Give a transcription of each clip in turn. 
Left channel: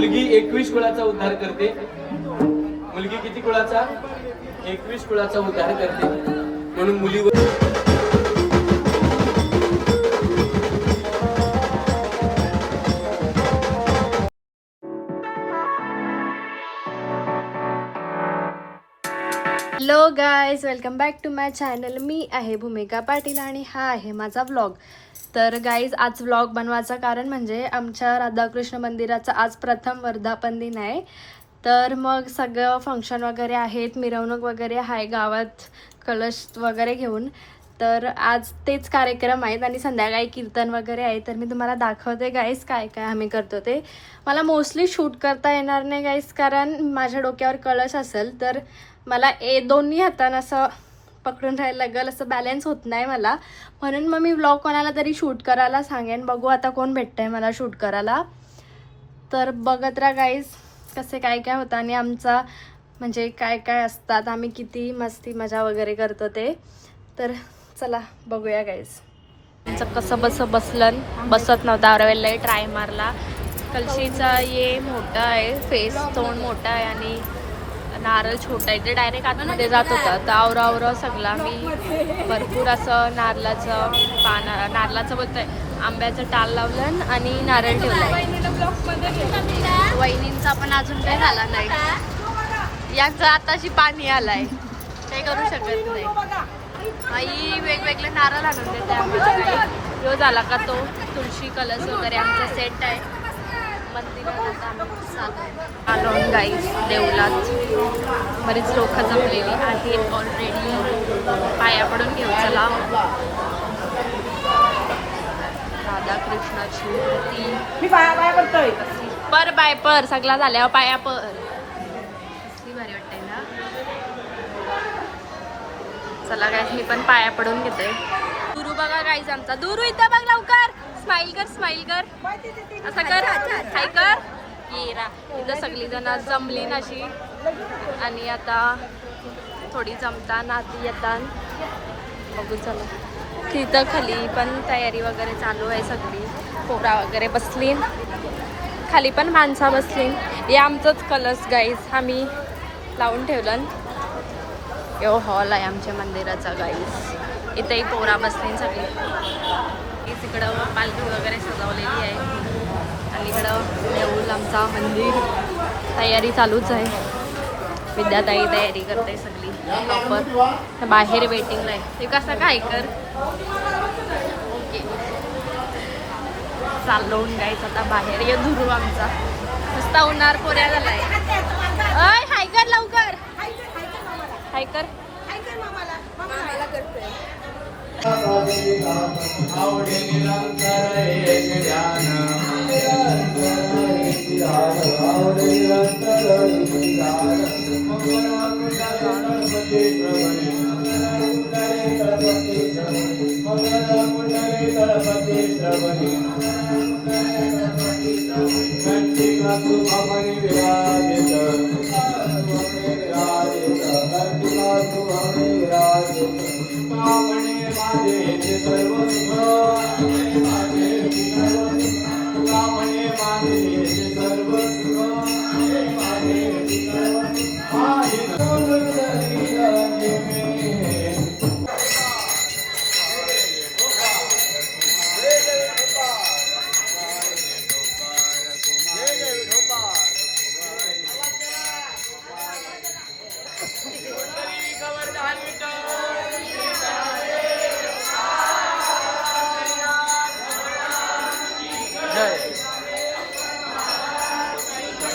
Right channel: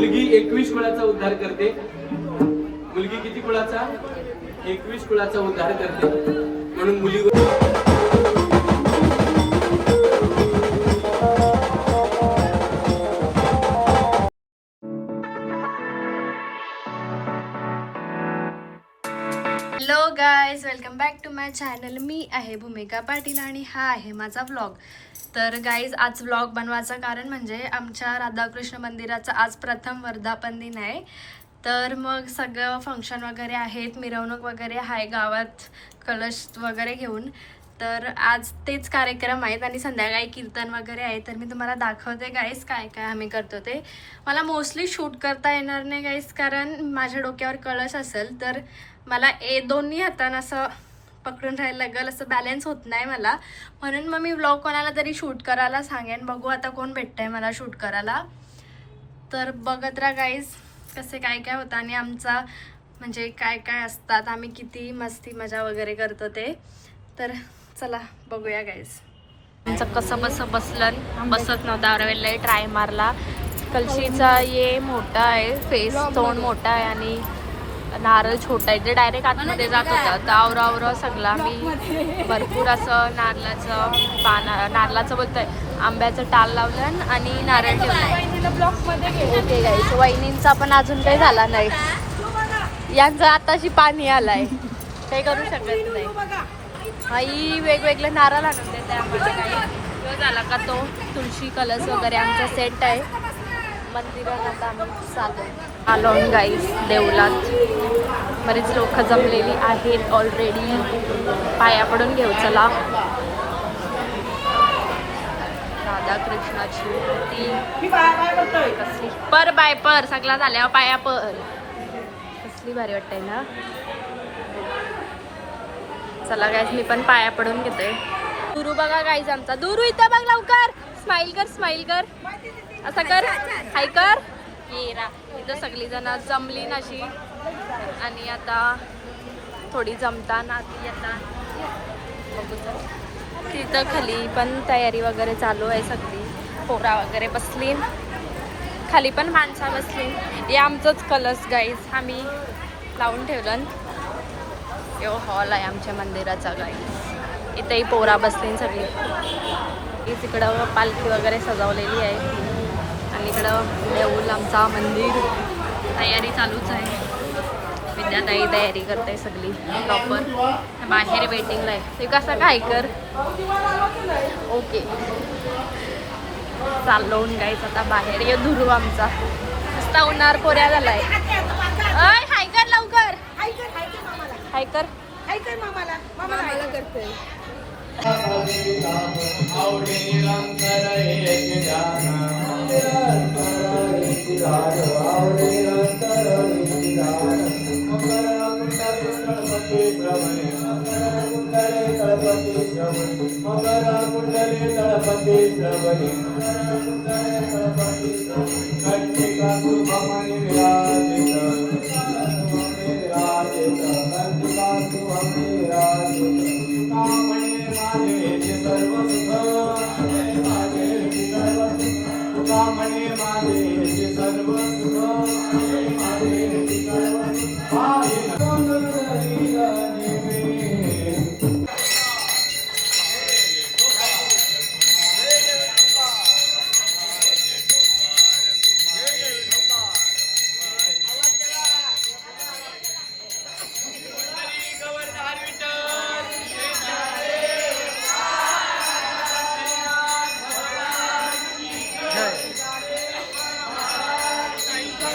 मुलगी 21 कुळाचा उद्धार करते. मुलगी किती कुळाचा? 21 कुळाचा उद्धार करते. म्हणून मुलीवर hello guys, welcome back to my channel. मी आहे भूमिका पाटील आणि हा आहे माझा व्लॉग. तर गाईज, आज व्लॉग बनवायचं कारण म्हणजे आमच्या राधाकृष्ण मंदिराचा आज प्रथम वर्धापन दिन आहे. तर मग सगळं फंक्शन वगैरे आहेत, मिरवणूक वगैरे आहे गावात कलश वगैरे घेऊन. तर आज तेच कार्यक्रम आहेत आणि संध्याकाळी कीर्तन वगैरे आहे. तर मी तुम्हाला दाखवते गाईज काय काय आम्ही करतो ते. मला मोस्टली शूट करता येणार नाही गाईज, कारण माझ्या डोक्यावर कळस असेल तर मला दोन्ही हातानं असं पकडून राहायला लागेल, असं बॅलन्स होत नाही मला. म्हणून मग मी व्लॉग कोणाला तरी शूट करायला सांगेन. बघू आता कोण भेटतंय मला शूट करायला. तर बघत राहा गाईज कसे काय काय होतं आणि आमचा म्हणजे काय काय असतात, आम्ही किती मस्ती मजा वगैरे करतो ते. तर चला बघूया गाईज. आमचं कसं बसत नव्हतं. आरवेललाही ट्राय मारला. कलशीचा ये मोठा आहे, फेस तोंड मोठा आहे आणि नारळ छोटा आहे. ते डायरेक्ट आतमध्ये जात होता. तर आवरा सगळा मी भरपूर असं नारळाचं बोलतोय आंब्याचं टाल लावलं आणि नारळ ठेवलाय. वहिनींचा पण अजून काही झाला नाही. यांचं आताशी पाणी आलाय, काही करू शकत नाही. आई वेगवेगळे नारळ आणून देते आम्हाला. काही यो झाला का तो तुळशी कलश वगैरे आमचा सेट आहे. मंदिरात आता आम्ही आलो गाईज देवलात. बरीच लोक जमलेली आहेत ऑलरेडी. पाया पडून घेऊ चला. राधाकृष्णाची पर बाय पर सगळा झाल्यावर पाया पर. कसली भारी वाटतंय ना. चला गाईज, मी पण पाया पडून घेते. दुरू बघा गाईज आमचा. दुरू इथं बघ लवकर. स्माइल कर असं कर, हाय कर. इथं सगळी जण जमली नाशी आणि आता थोडी जमताना आधी येतात. बघू चला. तिथं खाली पण तयारी वगैरे चालू आहे. सगळी पोरा वगैरे बसली, खाली पण माणसा बसली. हे आमचंच कलश गाईज आम्ही लावून ठेवलं. यो हॉल आहे आमच्या मंदिराचा गाईज. इथेही पोरा बसली सगळी. इकडं पालखी वगैरे सजवलेली आहे आणि इकडं देऊळ आमचा मंदिर. तयारी चालूच आहे. विद्याताई तयारी करते सगळी प्रॉपर. बाहेर वेटिंगला आहे ते. कसं काय कर ओके. चालवून गायचं आता बाहेर. ये धुरू आमचा नुसता उन्हाळ पोऱ्या झालाय. अय हाय कर लवकर, हाय कर.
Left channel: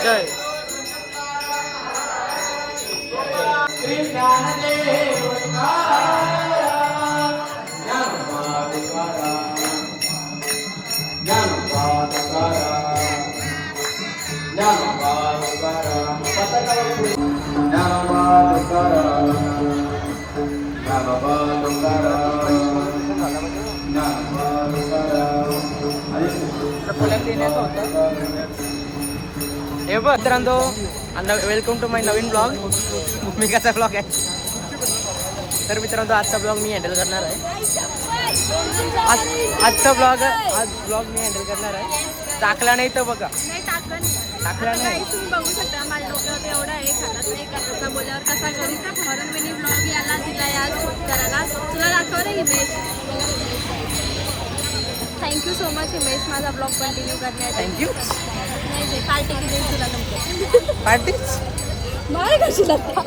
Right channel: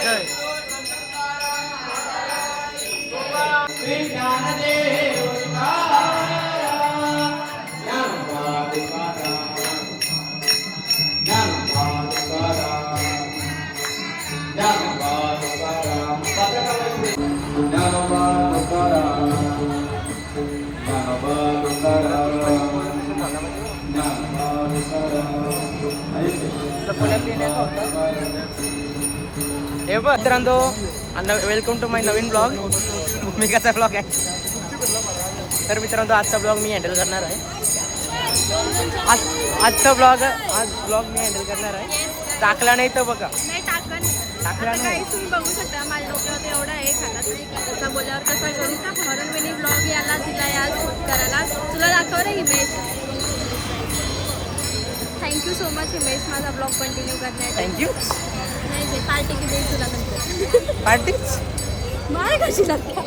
जय हे बघ मित्रांनो, वेलकम टू माय नवीन ब्लॉग. भूमिकाचा ब्लॉग आहे. तर मित्रांनो, आजचा ब्लॉग मी हँडल करणार आहे. आज ब्लॉग मी हँडल करणार आहे. टाकला नाही तर बघा. आता काहीच तुम्ही बघू शकता माझ्या डोक्यावर एवढा आहे खातात नाही खाताचा बोल्यावर कसा करू म्हणून मी ब्लॉग याला दिला या शूट करायला. तुला दाखव रे Himesh. Thank you so much Himesh माझा ब्लॉग कंटिन्यू करण्यासाठी. थँक्यू. नाही पार्टी की देईल तुला नंतर. पार्टीच मार कशी लागते.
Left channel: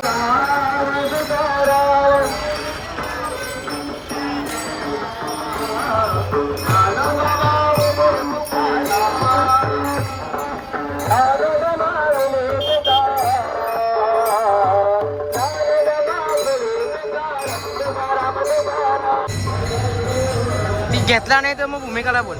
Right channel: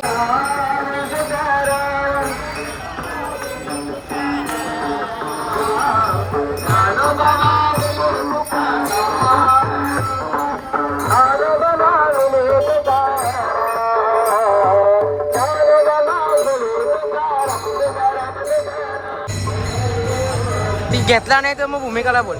ती घेतला नाही तर मग भूमिकाला बोल.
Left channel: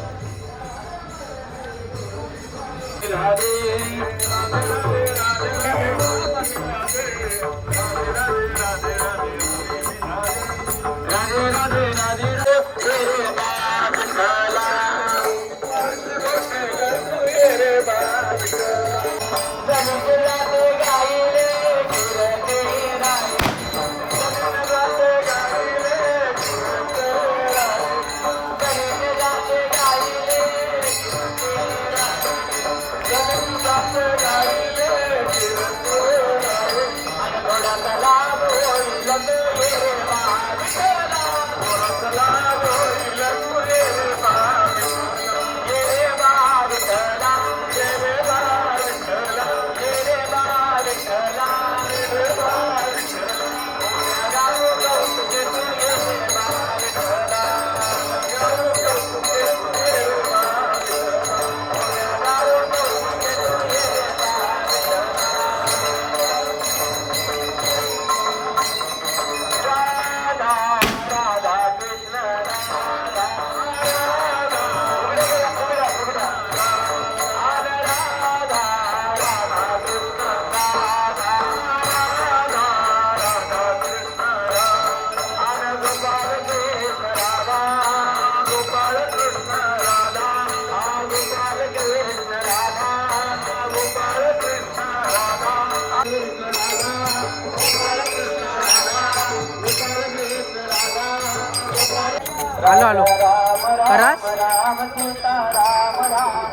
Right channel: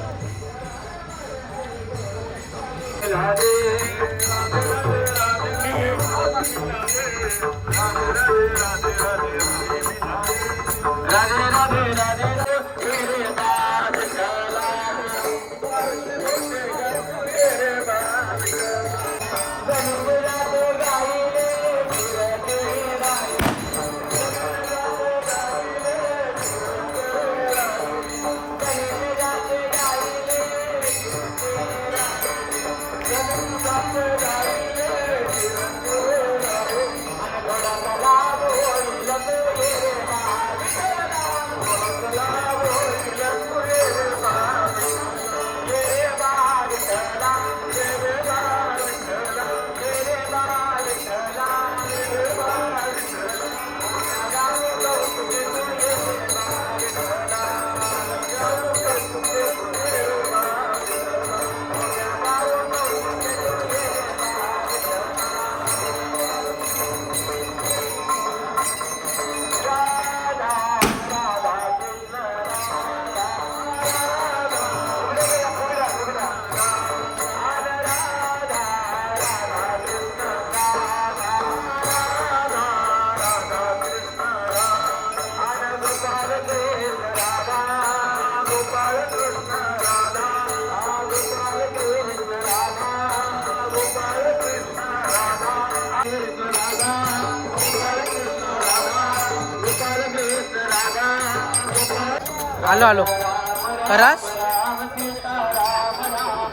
आलो आलो खरास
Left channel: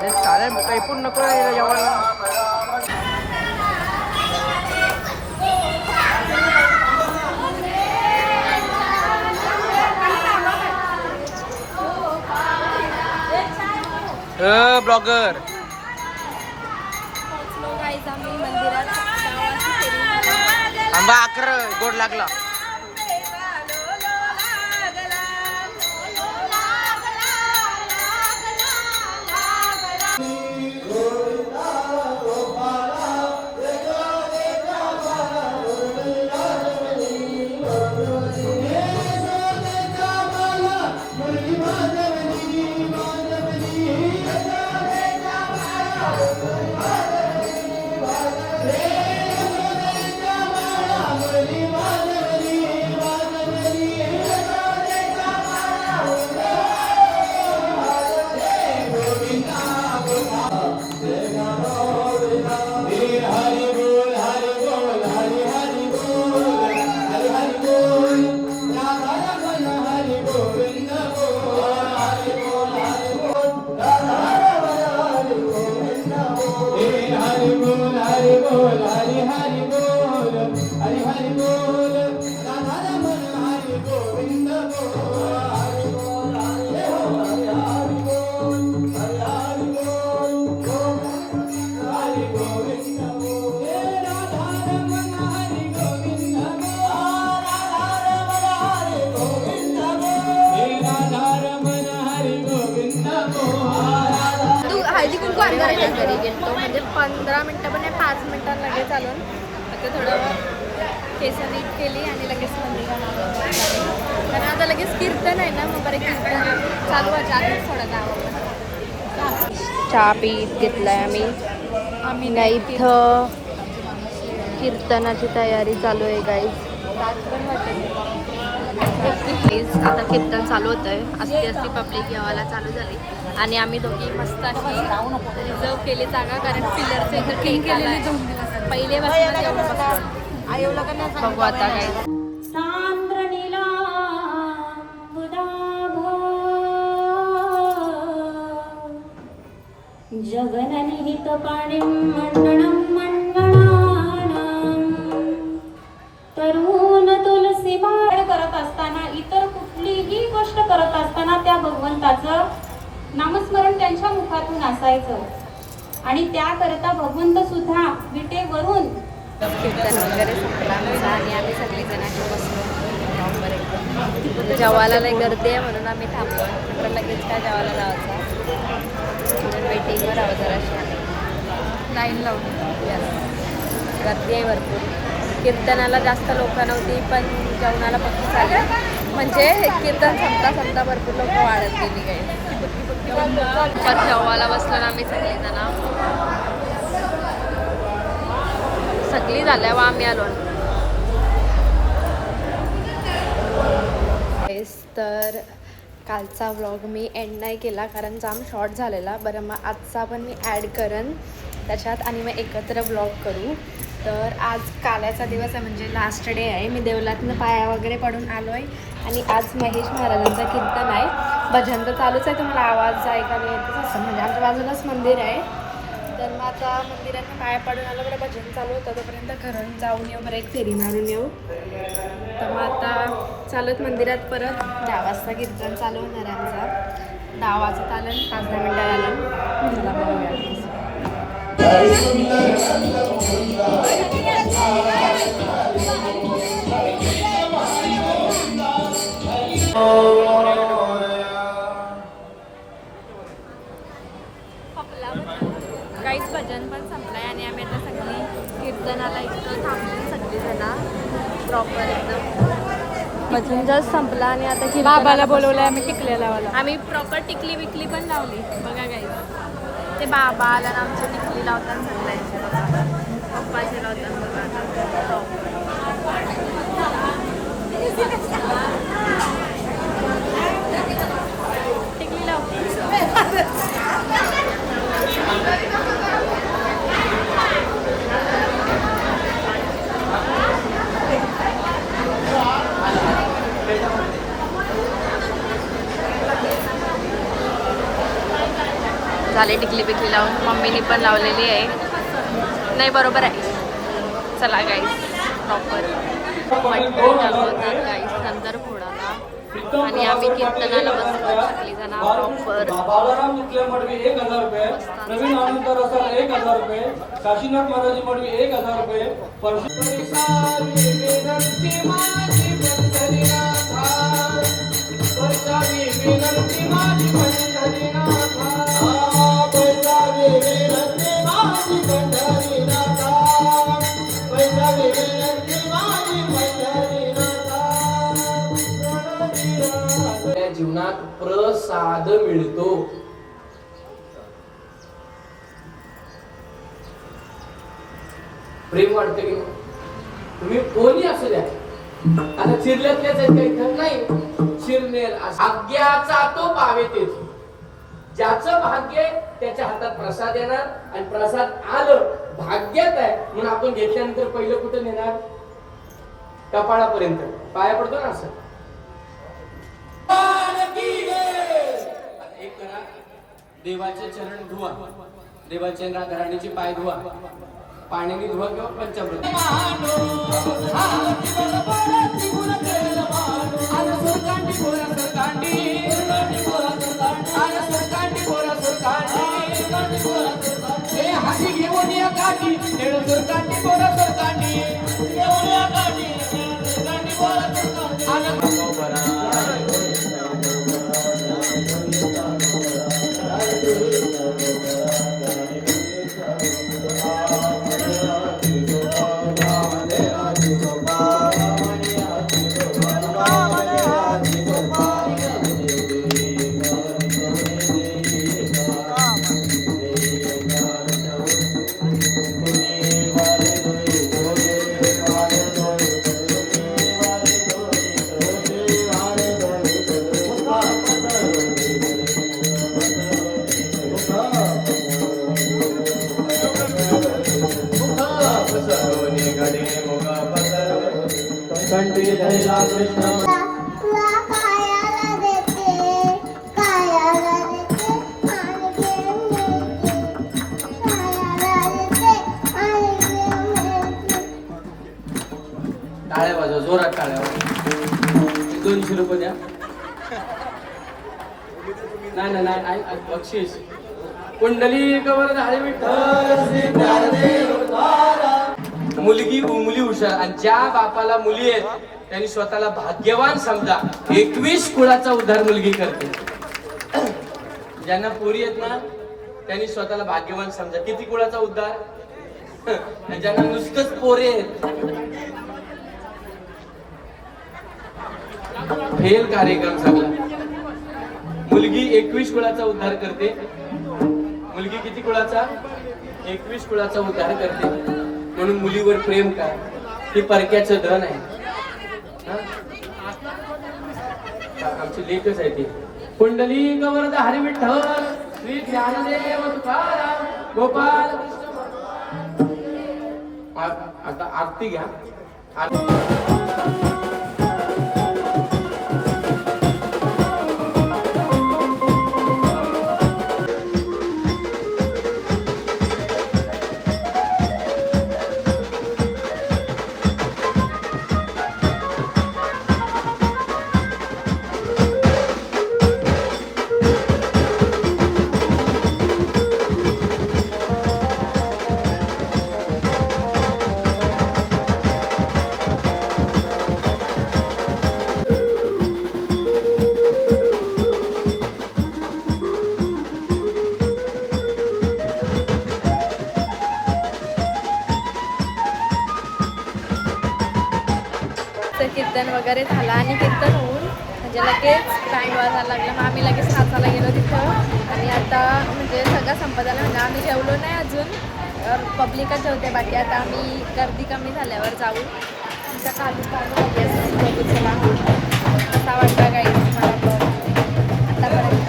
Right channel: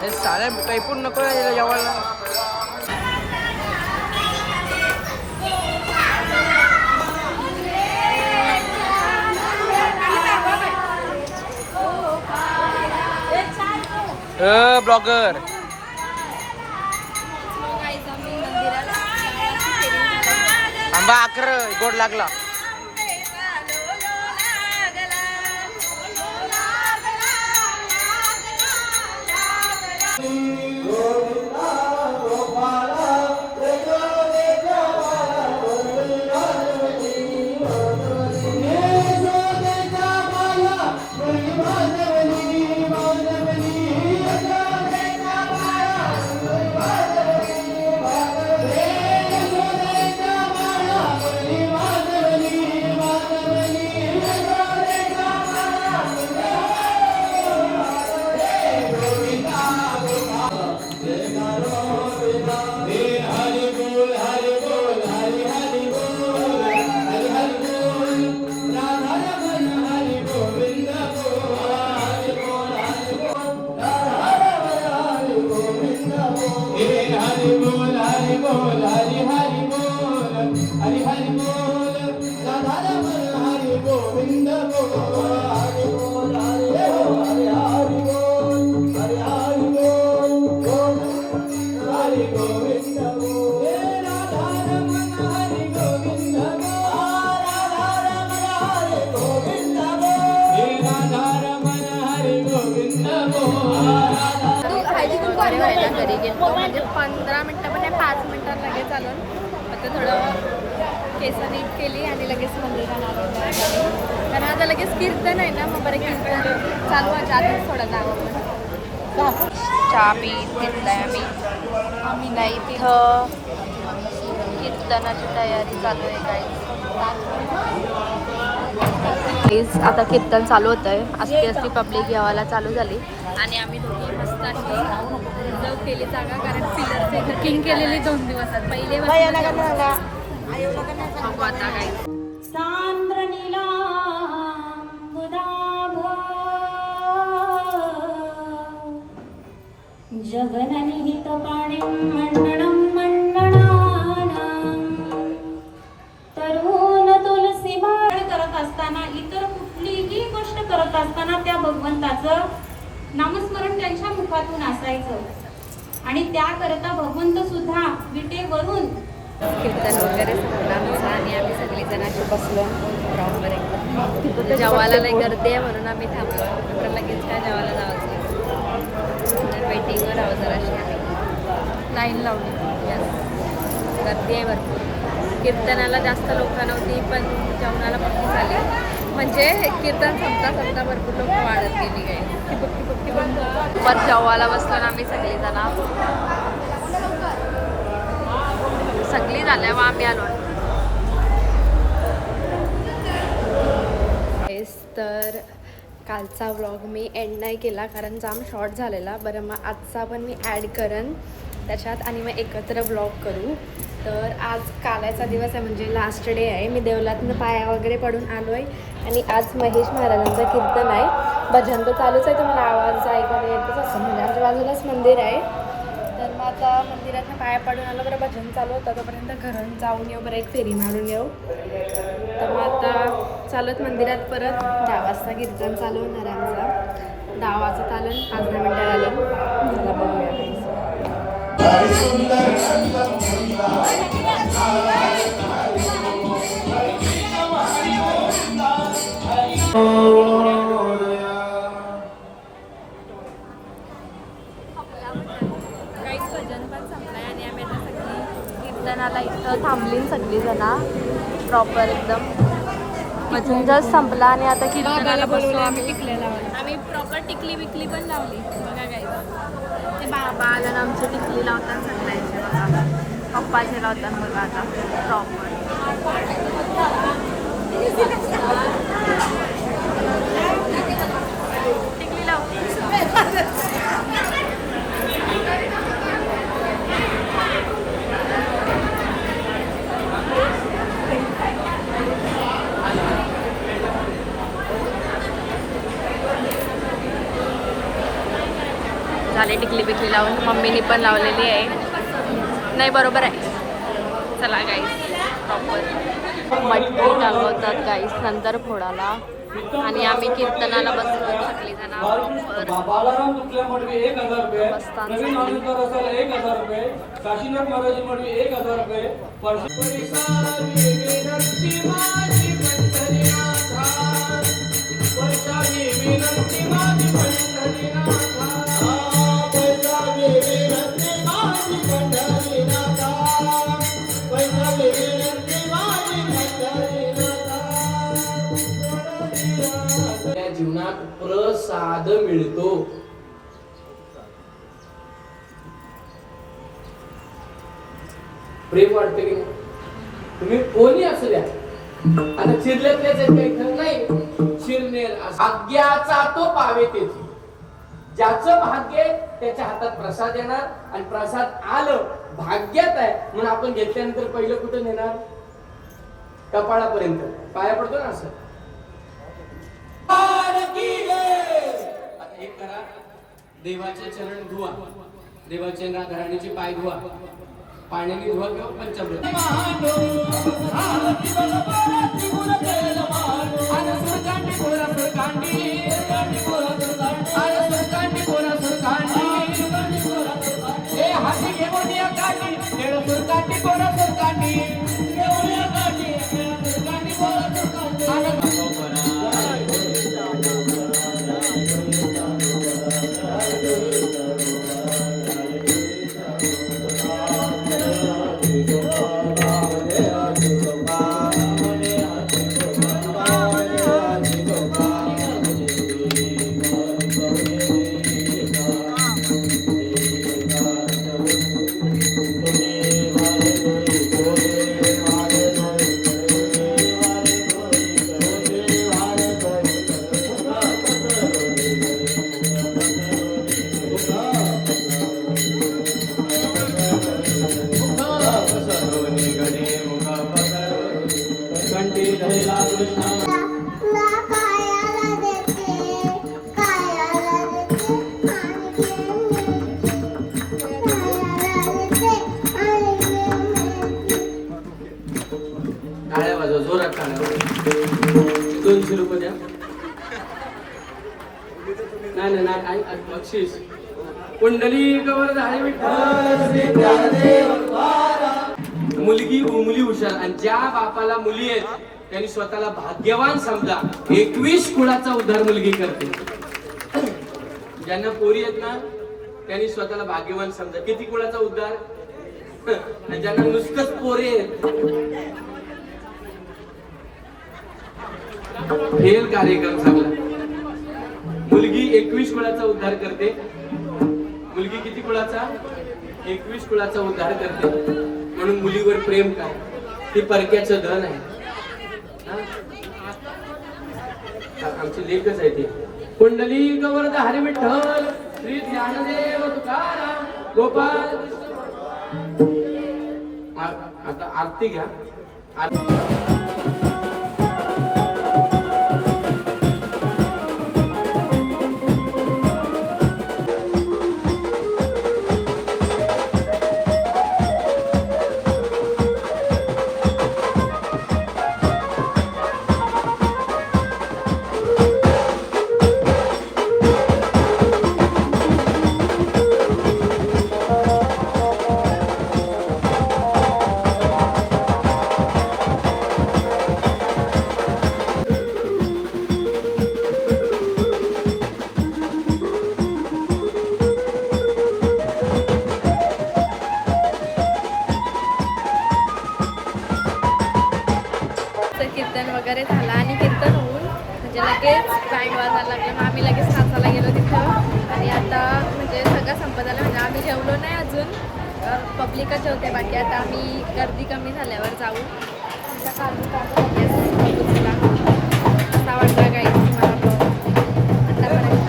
हे साऱ्या काही पण नको जेवायला. ब्लॉगर आंबा आकर गोड लागला. घरी गेलो म्हणजे 15 मिनटं पण नाही 5 मिनटात लगेच चालून आता थोडं केसरी केली आणि लगेच मंदिराला झाली कारण आता लगेच कीर्तन आहे ना मग बरं कीर्तन चालू आहे आधीच थोडं जावं आपण चहा पीत घेतलाय आम्ही नाही इथं कीर्तनाची तयारी चालू आहे गाईज. आता कीर्तन चालू होत आहे. असती असती पब्लिक यावाला चालू झाली आणि आम्ही दोघी मस्त अशी रिझर्व केली जागा कारण पिलरचे इथं किंग केलेली 2 दिवसात पहिले बसूनच येऊन बसतो. बघू आता काय जगननिहितपाणिं मण्डनं मण्डनानां तरुण तुलसी बाळ करत असताना, इतर कुठलीही गोष्ट करत असताना त्या भगवंताचं नामस्मरण त्यांच्या मुखातून असायचं. आणि त्याकरता भगवंत सुद्धा विटेवरून कीर्तन वगैरे संपला आमचा आणि आम्ही सगळेजण बसलो प्रॉपर एकदम. जेवायला लई गर्दी आहे म्हणून आम्ही थांबलो. नंतर लगेच काय जेवायला जायचं म्हणून वेटिंगवर आहोत जराशी आम्ही. लाईन लावली. यस, गर्दी आहे भरपूर. कीर्तनाला जास्त लोक नव्हती पण जेवणाला पक्की झाली. म्हणजे कीर्तन संपता भरपूर लोक वाढत गेली काही. पण जेवायला बसलो ना आम्ही सगळी झाल्यावर आम्ही आलो. तर कालचा व्लॉग मी एंड नाही केला कारण जाम शॉर्ट झालेला. बरं मग आजचा पण मी ॲड करेन त्याच्यात आणि मग एकत्र व्लॉग करू. तर आज काल्याचा दिवस आहे म्हणजे लास्ट डे आहे. मी देवलातनं पाया वगैरे पडून आलो आहे आणि आज महेश महाराजांचं कीर्तन आहे. भजन तर चालूच आहे, तुम्हाला आवाज ऐकायला येतच असं. म्हणजे आमच्या बाजूलाच मंदिर आहे. तर मग आता मंदिरातनं पाया पडून आलं, बरं भजन चालू होतं तोपर्यंत घरून जाऊन येऊ, बरं एक फेरी मारून येऊ. तर मग आता चालत मंदिरात परत 10 वाजता कीर्तन चालू होणार आमचा. 10 वाजत आलं, 5-10 मिनटं आलं. चला बघूया. काहीच भजन पण संपलंय आणि आम्ही आता सगळी कीर्तनाला इथं थांबली सगळी जण प्रॉपर एकदम. भजन जस्ट संपला आणि आता बाबाला बोलवलं आम्ही टिकल्या लावला. आम्ही प्रॉपर टिकली बिकली पण लावली बघा काही. ते बाबा आला ना आमची टिकली लावतात सगळ्यांचे बघा. पप्पाचे लावतात बघा आता प्रॉपर. टिकली लावते. झाले टिकली बिकली लावून. मम्मीने पण लावलेली आहे. नाही बरोबर आहे. चला गाईस प्रॉपर मटकी दाखवतात गाईस नंतर फोडाला आणि आम्ही कीर्तनाला बसलो सगळीजण जीवनात प्रसाद मिळतो. प्रेम वाटते की तुम्ही कोणी असू द्या. आता चिरल्यातल्याच आहेत का इथं? नाही. चिरनेर भाग्याचा तो पावे तेथे. ज्याचं भाग्य त्याच्या हातात प्रसाद येणार आणि प्रसाद आलं भाग्यात आहे म्हणून आपण घेतल्यानंतर पहिलं कुठं नेणार? कपाळापर्यंत पाया पडतो ना असं. एक करा, देवाचे चरण धुवा, देवाच्या घराण्याचे पाय धुवा, पाण्याने धुवा किंवा पंचामृत. हाती घेऊन या काठी सुरकांडी बोरा सुरकांडी ₹200 द्या. नाही नाही नाही, बक्षीस. कुंडली कवर हरी विठ्ठल श्री ज्ञानदेव तुकाराम. मुलगी मुली हुशार, आणि ज्या बापाला मुली आहेत त्यांनी स्वतःला भाग्यवान समजा. 21 कुळाचा उद्धार मुलगी करते. ज्यांना पोरी आहेत ना त्यांनी स्वतःला भाग्यवान समजा. किती कुळाचा उद्धार? आणि ज्यांना नुसतंच पोरे आहेत, फेल कार्यक्रम झाला. मुलगी 21 कुळाचा उद्धार करते. मुलगी किती कुळाचा? 21 कुळाचा उद्धार करते. म्हणून मुलीवर प्रेम करा, ते परक्याचं धन आहे. आमची लेखच आहे ती. कुंडली गवर्ध हरी विठ्ठल श्री ज्ञानदेव तुकाराम गोपाल कृष्ण. आता आरती घ्या. कीर्तन वगैरे झाला आणि कीर्तन होऊन म्हणजे लगेच बँड वाजायला लागला. मग आम्ही लगेच नाचायला गेलो तिथं. आणि आता म्हणजे सगळं संपत आलं. म्हणजे आम्ही जेवलो नाही अजून, पब्लिकच जेवते बाकी. आता आम्ही गर्दी कमी झाल्यावर जाऊ. येस, बघू चला कसा वाटला काही मला ब्लॉग आतापर्यंत.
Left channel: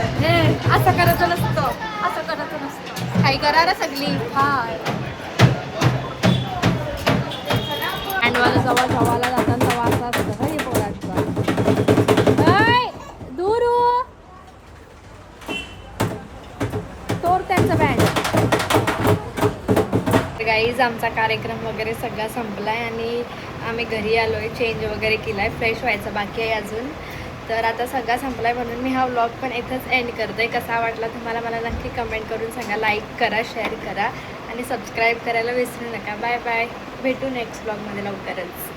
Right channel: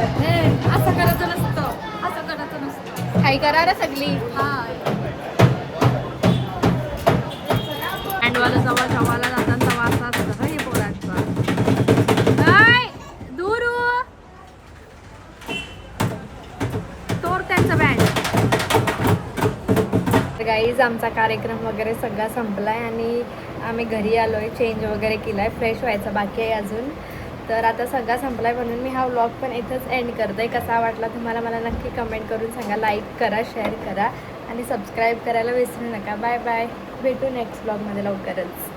असं करायचं नसतं, असं करायचं नसतं. हाय करा रे सगळी. बँडवाला जवळला जाताना तेव्हा असं असतं हे पोरांचं. दूर तोर त्यांचं बँड. गाईज आमचा कार्यक्रम वगैरे सगळा संपलाय आणि आम्ही घरी आलोय. चेंज वगैरे केलाय, फ्रेश व्हायचं बाकी आहे अजून. तर आता सगळा संपलाय म्हणून मी हा व्लॉग पण इथंच एंड करते. कसा वाटला तुम्हाला मला नक्की कमेंट करून सांगा. लाईक करा, शेअर करा आणि सबस्क्राईब करायला विसरू नका. Bye bye. भेटू नेक्स्ट व्लॉगमध्ये लवकरच.